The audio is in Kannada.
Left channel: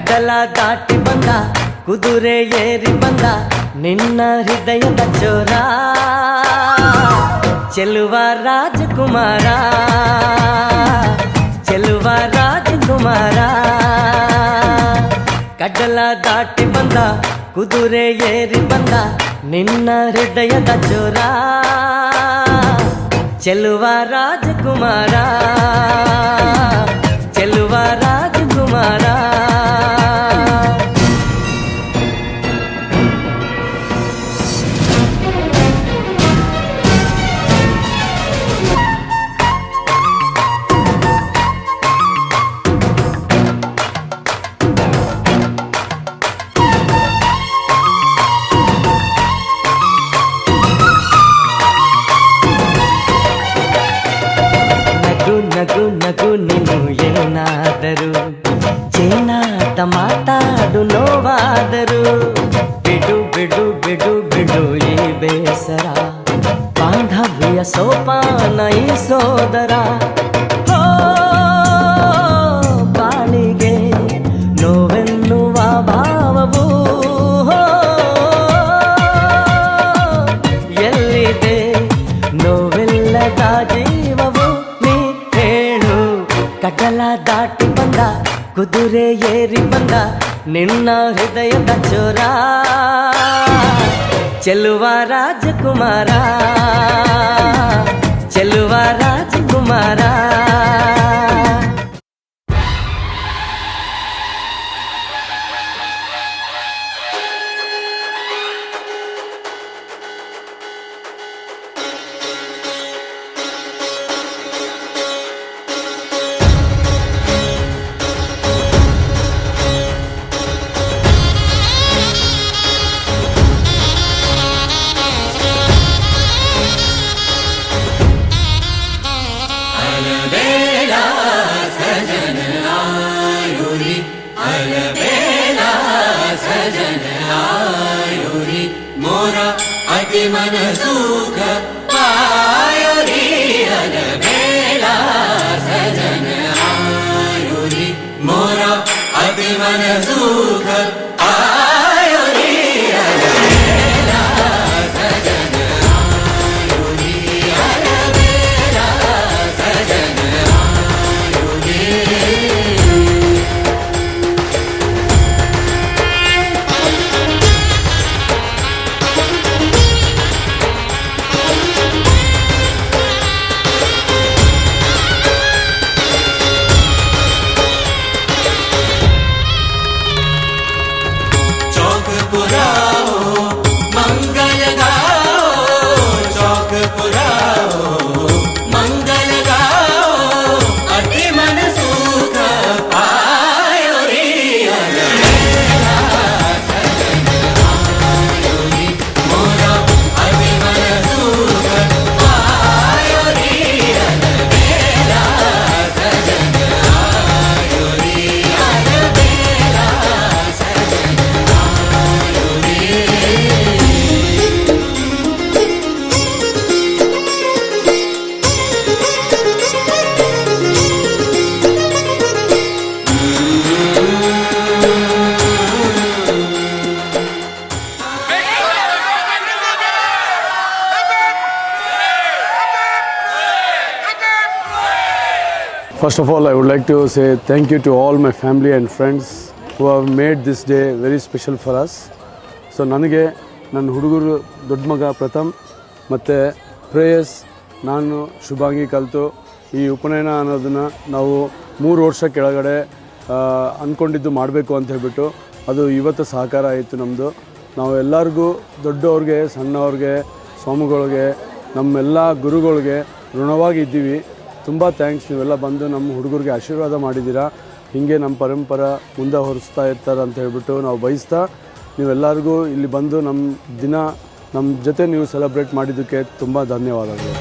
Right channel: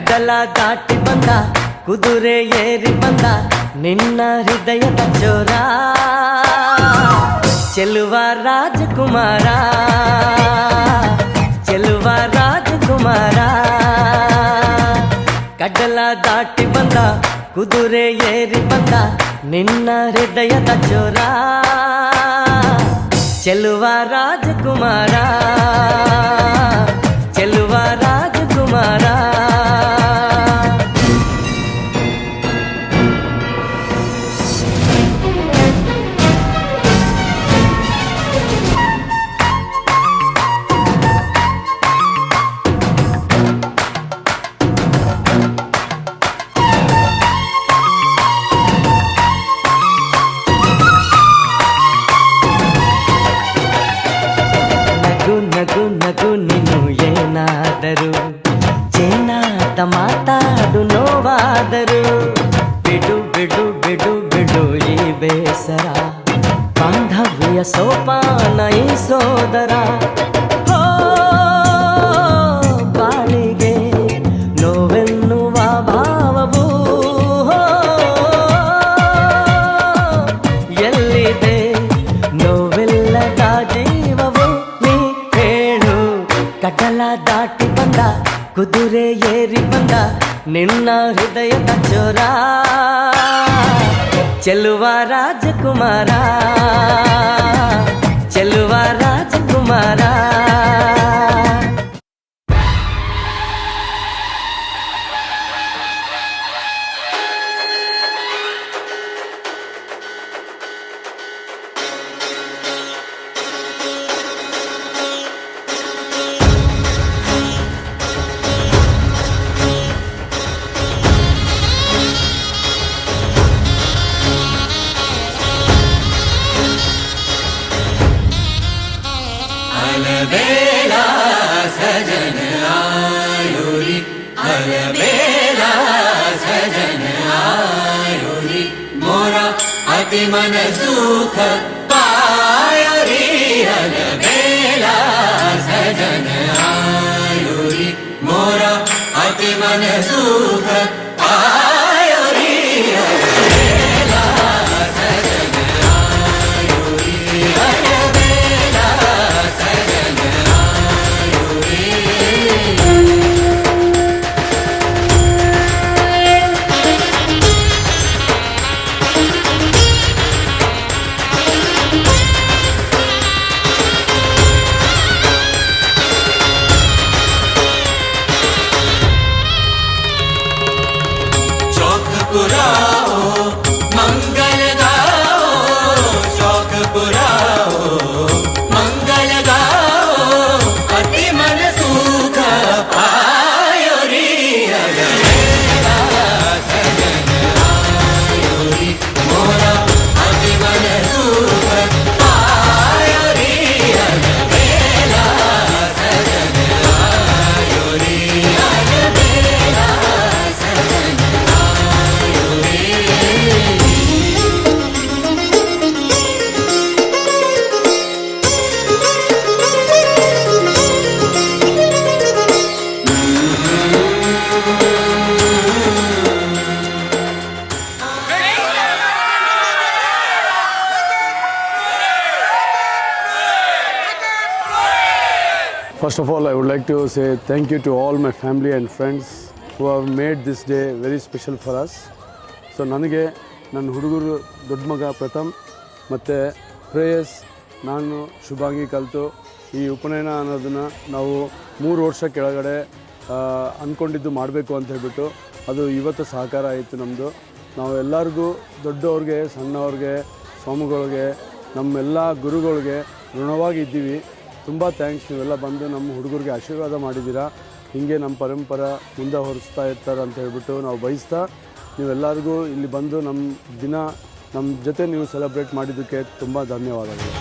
ಕಡಲ ದಾಟಿ ಬಂದ ಕುದುರೆ ಏರಿ ಬಂದ ನಿನ್ನ ಹೃದಯದ ಚೋರ ಚೆಲುವ ರಾಜಕುಮಾರ ಚೆಲುವ ರಾಜಕುಮಾರ ಕಡಲ ದಾಟಿ ಬಂದ ಕುದುರೆ ಏರಿ ಬಂದ ನಿನ್ನ ಹೃದಯದ ಚೋರ ಚೆಲುವ ರಾಜಕುಮಾರ ಚೆಲುವ ರಾಜಕುಮಾರ ನಗು ನಗು ನೀನು ಏನಾದರೂ ಚೇನಾಟ ಮಾತಾಡು ನೋವಾದರು ಬಿಡು ಬಿಡು ಬಿಡು ಬಿಡು ಈ ಬೇಸರ ಬಾಂಧವ್ಯ ಸೋಪಾನ ಈ ಸೋದರ ಹೋ ಬಾಳಿಗೆ ನೋವೆನ್ನುವ ಭಾವವು ಎಲ್ಲಿದೆ ನೋವಿಲ್ಲದ ಜೀವವು ಕಡಲ ದಾಟಿ ಬಂದ ಕುದುರೆ ಏರಿ ಬಂದ ನಿನ್ನ ಹೃದಯದ ಚೋರ ಚೆಲುವ ರಾಜಕುಮಾರ ಚೆಲುವ ರಾಜಕುಮಾರ मन सुख पायो रे अनबेला सजन आयो रे मोरा अति मन सुख पायो रे अनबेला सजन आयो रे अनबेला सजन आयो रे First of all, I would like to say thank you to all my family and friends who have made this day very special for us. So ನನಗೆ ನನ್ನ ಹುಡುಗರು ದೊಡ್ಡ ಮಗ ಪ್ರಥಮ್ ಮತ್ತು ಪ್ರೇಯಸ್ ನಾನು ಶುಭಾಂಗಿ ಕಲಿತು ಈ ಉಪನಯನ ಅನ್ನೋದನ್ನು ನಾವು 3 ವರ್ಷ ಕೆಳಗಡೆ ಅಂದ್ಕೊಂಡಿದ್ದು ಮಾಡಬೇಕು ಅಂತ ಹೇಳ್ಬಿಟ್ಟು ಅದು ಇವತ್ತು ಸಹಕಾರ ಆಯಿತು ನಮ್ಮದು. ನಾವು ಎಲ್ಲರಿಗೂ ದೊಡ್ಡವ್ರಿಗೆ ಸಣ್ಣವ್ರಿಗೆ ಸ್ವಾಮಿಗಳಿಗೆ ನಮ್ಮೆಲ್ಲ ಗುರುಗಳಿಗೆ ಋಣವಾಗಿದ್ದೀವಿ. ತುಂಬ ಥ್ಯಾಂಕ್ಸ್, ನೀವೆಲ್ಲ ಬಂದು ನಮ್ಮ ಹುಡುಗರಿಗೆ ಆಶೀರ್ವಾದ ಮಾಡಿದ್ದೀರಾ. ಹೀಗೆ ನಮ್ಮ ಪರಂಪರೆ ಮುಂದೆ ಹೊರಿಸ್ತಾ ಇರ್ತಾರೆ ಅಂತ ಹೇಳ್ಬಿಟ್ಟು ನಾವು ಬಯಸ್ತಾ ನೀವೆಲ್ಲರಿಗೂ ಇಲ್ಲಿ ಬಂದು ನಮ್ಮ ದಿನ ನಮ್ಮ ಜೊತೆ ನೀವು ಸೆಲೆಬ್ರೇಟ್ ಮಾಡಿದ್ದಕ್ಕೆ ತುಂಬ ಧನ್ಯವಾದಗಳು.